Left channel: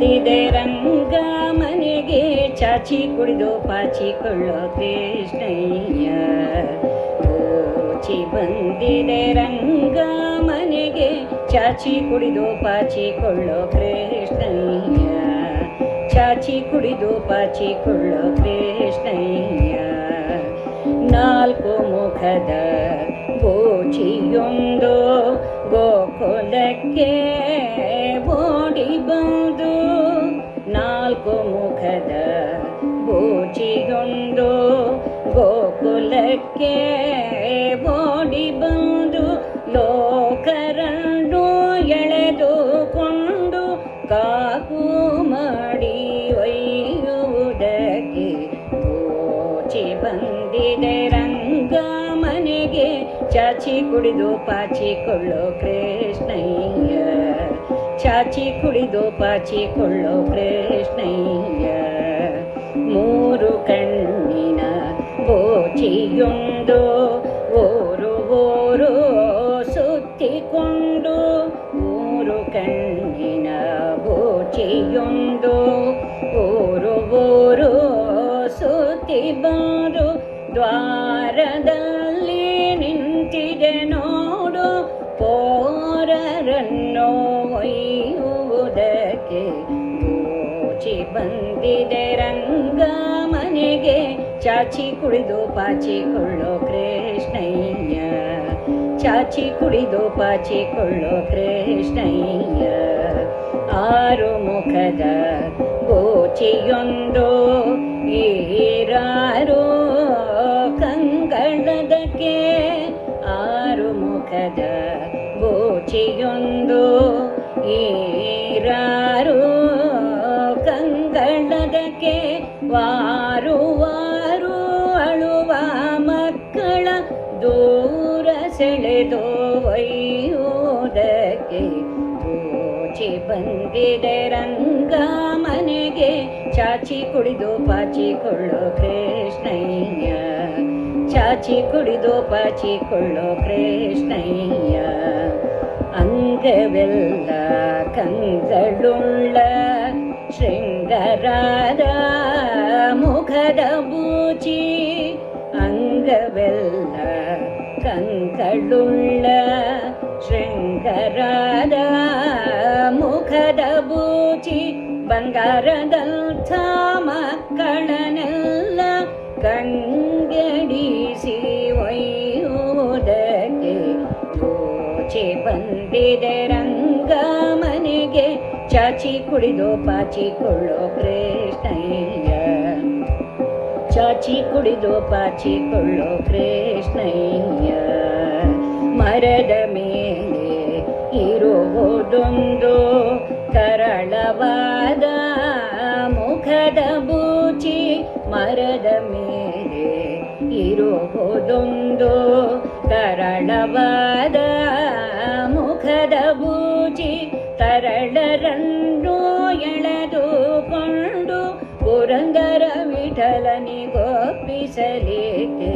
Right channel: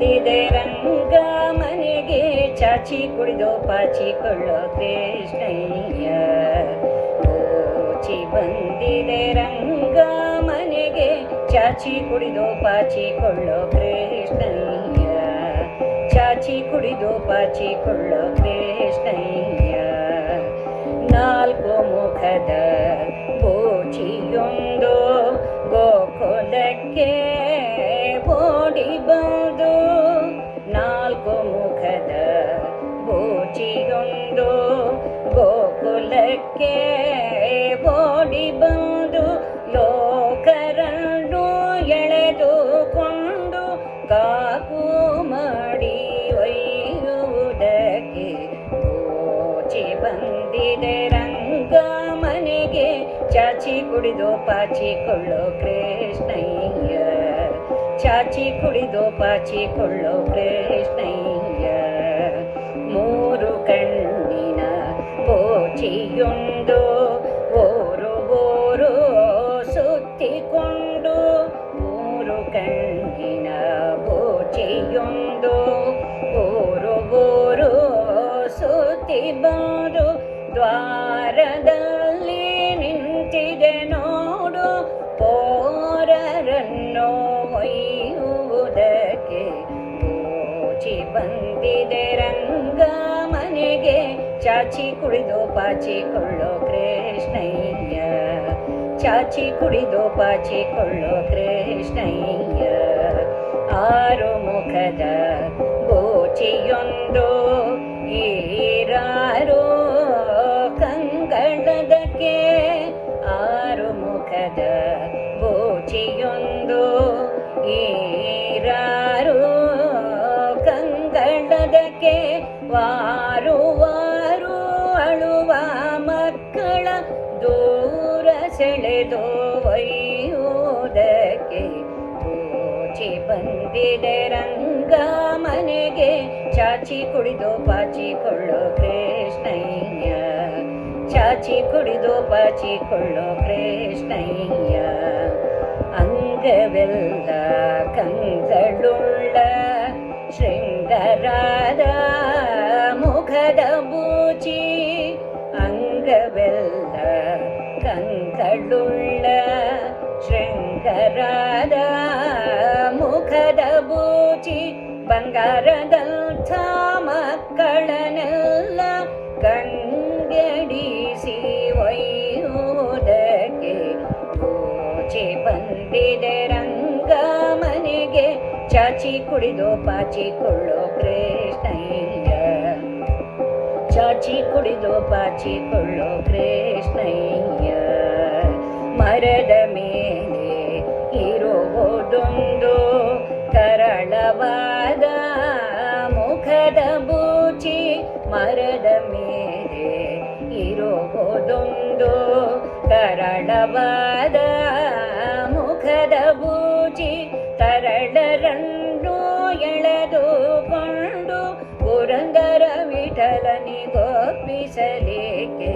ಬಂದಿದೆ ರಂಗ ಮನೆಗೆ, ಚಾಚಿ ಕುಡಿದು ಪಾಚಿಕೊಳ್ಳೋ ಕೃಷ್ಣಯ್ಯ. ಗೋಚಿ ಬಂದಿದೆ ರಂಗ ಮನೆಗೆ, ಚಾಚಿ ಕುಡಿದು ಪಾಚಿಕೊಳ್ಳೋ ಕೃಷ್ಣಯ್ಯ. ಚಾಚಿ ಕುಡಿದು ಪಾಚಿಕೊಳ್ಳೋ ಕೃಷ್ಣಯ್ಯ. ನಾಲ್ಕು ಮುಖದ ಗೋಚಿಯೊಂದು ಗೋಕುಲಕ್ಕೆ ಓಡಿ ಬಂದು, ನಾಲ್ಕು ಮುಖದ ಗೋಚಿಯೊಂದು ಗೋಕುಲಕ್ಕೆ ಓಡಿ ಬಂದು, ಲೋಕರನ್ನು ಎಳೆದುಕೊಂಡು ಕಾಕು ಮಾಡಿ ಒಯ್ಯುವುದಕ್ಕೆ ಗೋಚಿ ಬಂದಿದೆ ರಂಗ ಮನೆಗೆ, ಚಾಚಿ ಕುಡಿದು ಪಾಚಿಕೊಳ್ಳೋ ಕೃಷ್ಣಯ್ಯ. ಚಾಚಿ ಕುಡಿದು ಪಾಚಿಕೊಳ್ಳೋ ಕೃಷ್ಣಯ್ಯ. ಮೂರು ಕಣ್ಣಿನ ಗೋಚಿಯೊಂದು ಓರು ಓರು ಸುತ್ತಿಕೊಂಡು, ಮೂರು ಕಣ್ಣಿನ ಗೋಚಿಯೊಂದು ಓರು ಓರು ಸುತ್ತಿ ಬಂದು, ದ್ವಾರದಲ್ಲಿ ನಿಂತಿದೆ ನೋಡು ಪೋರರನ್ನು ಒಯ್ಯುವುದಕ್ಕೆ. ಗೋಚಿ ಬಂದಿದೆ ರಂಗ ಮನೆಗೆ, ಚಾಚಿ ಕುಡಿದು ಪಾಚಿಕೊಳ್ಳೋ ಕೃಷ್ಣಯ್ಯ. ಚಾಚಿ ಕುಡಿದು ಪಾಚಿಕೊಳ್ಳೋ ಕೃಷ್ಣಯ್ಯ. ಆರು ಮುಖದ ಗೋಚಿಯೊಂದು ಈರಾರು ಕಂಗಳದಕ್ಕೆ, ಆರು ಮುಖದ ಗೋಚಿಯೊಂದು ಈರಾರು ಕಂಗಳದಕ್ಕೆ, ವಾರು ವಾರು ಅಳುವ ಮಕ್ಕಳ ದೂರ ಸೆಳೆದು ಒಯ್ಯುವುದಕ್ಕೆ. ಗೋಚಿ ಬಂದಿದೆ ರಂಗ ಮನೆಗೆ, ಚಾಚಿ ಕುಡಿದು ಪಾಚಿಕೊಳ್ಳೋ ಕೃಷ್ಣಯ್ಯ. ಚಾಚಿ ಕುಡಿದು ಪಾಚಿಕೊಳ್ಳೋ ಕೃಷ್ಣಯ್ಯ. ಅಂಗವೆಲ್ಲ ಕಂದಳುಳ್ಳ ಶೃಂಗರಾದ ಮುಖದ ಬೂಚಿ, ಅಂಗವೆಲ್ಲ ಕಂದಳುಳ್ಳ ಶೃಂಗರಾದ ಮುಖದ ಬೂಚಿ, ಬಂಗಾರದಂಥ ಮಕ್ಕಳನ್ನೆಲ್ಲ ಗಂಗೆಡಿಸಿ ಒಯ್ಯುವುದಕ್ಕೆ. ಗೋಚಿ ಬಂದಿದೆ ರಂಗ ಮನೆಗೆ, ಚಾಚಿ ಕುಡಿದು ಪಾಚಿಕೊಳ್ಳೋ ಕೃಷ್ಣಯ್ಯ. ಚಾಚಿ ಕುಡಿದು ಪಾಚಿಕೊಳ್ಳೋ ಕೃಷ್ಣಯ್ಯ. ಮರದ ಮೇಲೆ ಇರುವುದೊಂದು ಕರಳವಾದ ಮುಖದ ಬೂಚಿ, ಮರದ ಮೇಲೆ ಇರುವುದೊಂದು ಕರಳವಾದ ಮುಖದ ಬೂಚಿ, ತರಳರನ್ನು ಎಳೆದುಕೊಂಡು ಪುರಂದರ ವಿಠಲನಿಗೊಪ್ಪಿಸಲಿಕ್ಕೆ.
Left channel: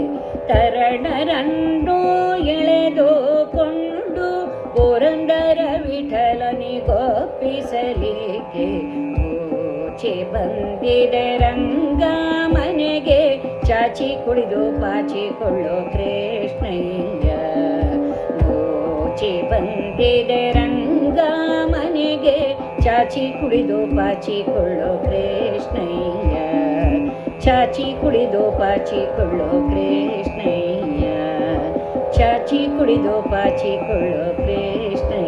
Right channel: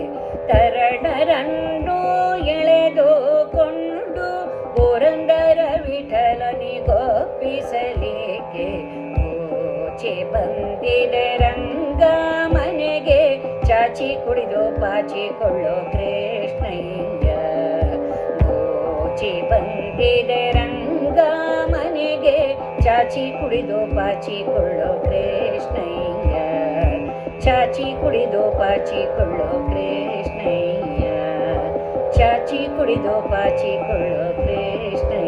ತರಳರನ್ನು ಎಳೆದುಕೊಂಡು ಪುರಂದರ ವಿಠಲನಿಗೊಪ್ಪಿಸಲಿಕ್ಕೆ. ಗೋಚಿ ಬಂದಿದೆ ರಂಗ ಮನೆಗೆ, ಚಾಚಿ ಕುಡಿದು ಪಾಚಿಕೊಳ್ಳೋ ಕೃಷ್ಣಯ್ಯ. ಗೋಚಿ ಬಂದಿದೆ ರಂಗ ಮನೆಗೆ, ಚಾಚಿ ಕುಡಿದು ಪಾಚಿಕೊಳ್ಳೋ ಕೃಷ್ಣಯ್ಯ. ಚಾಚಿ ಕುಡಿದು ಪಾಚಿಕೊಳ್ಳೋ ಕೃಷ್ಣಯ್ಯ. ಚಾಚಿ ಕುಡಿದು ಪಾಚಿಕೊಳ್ಳೋ ಕೃಷ್ಣಯ್ಯ.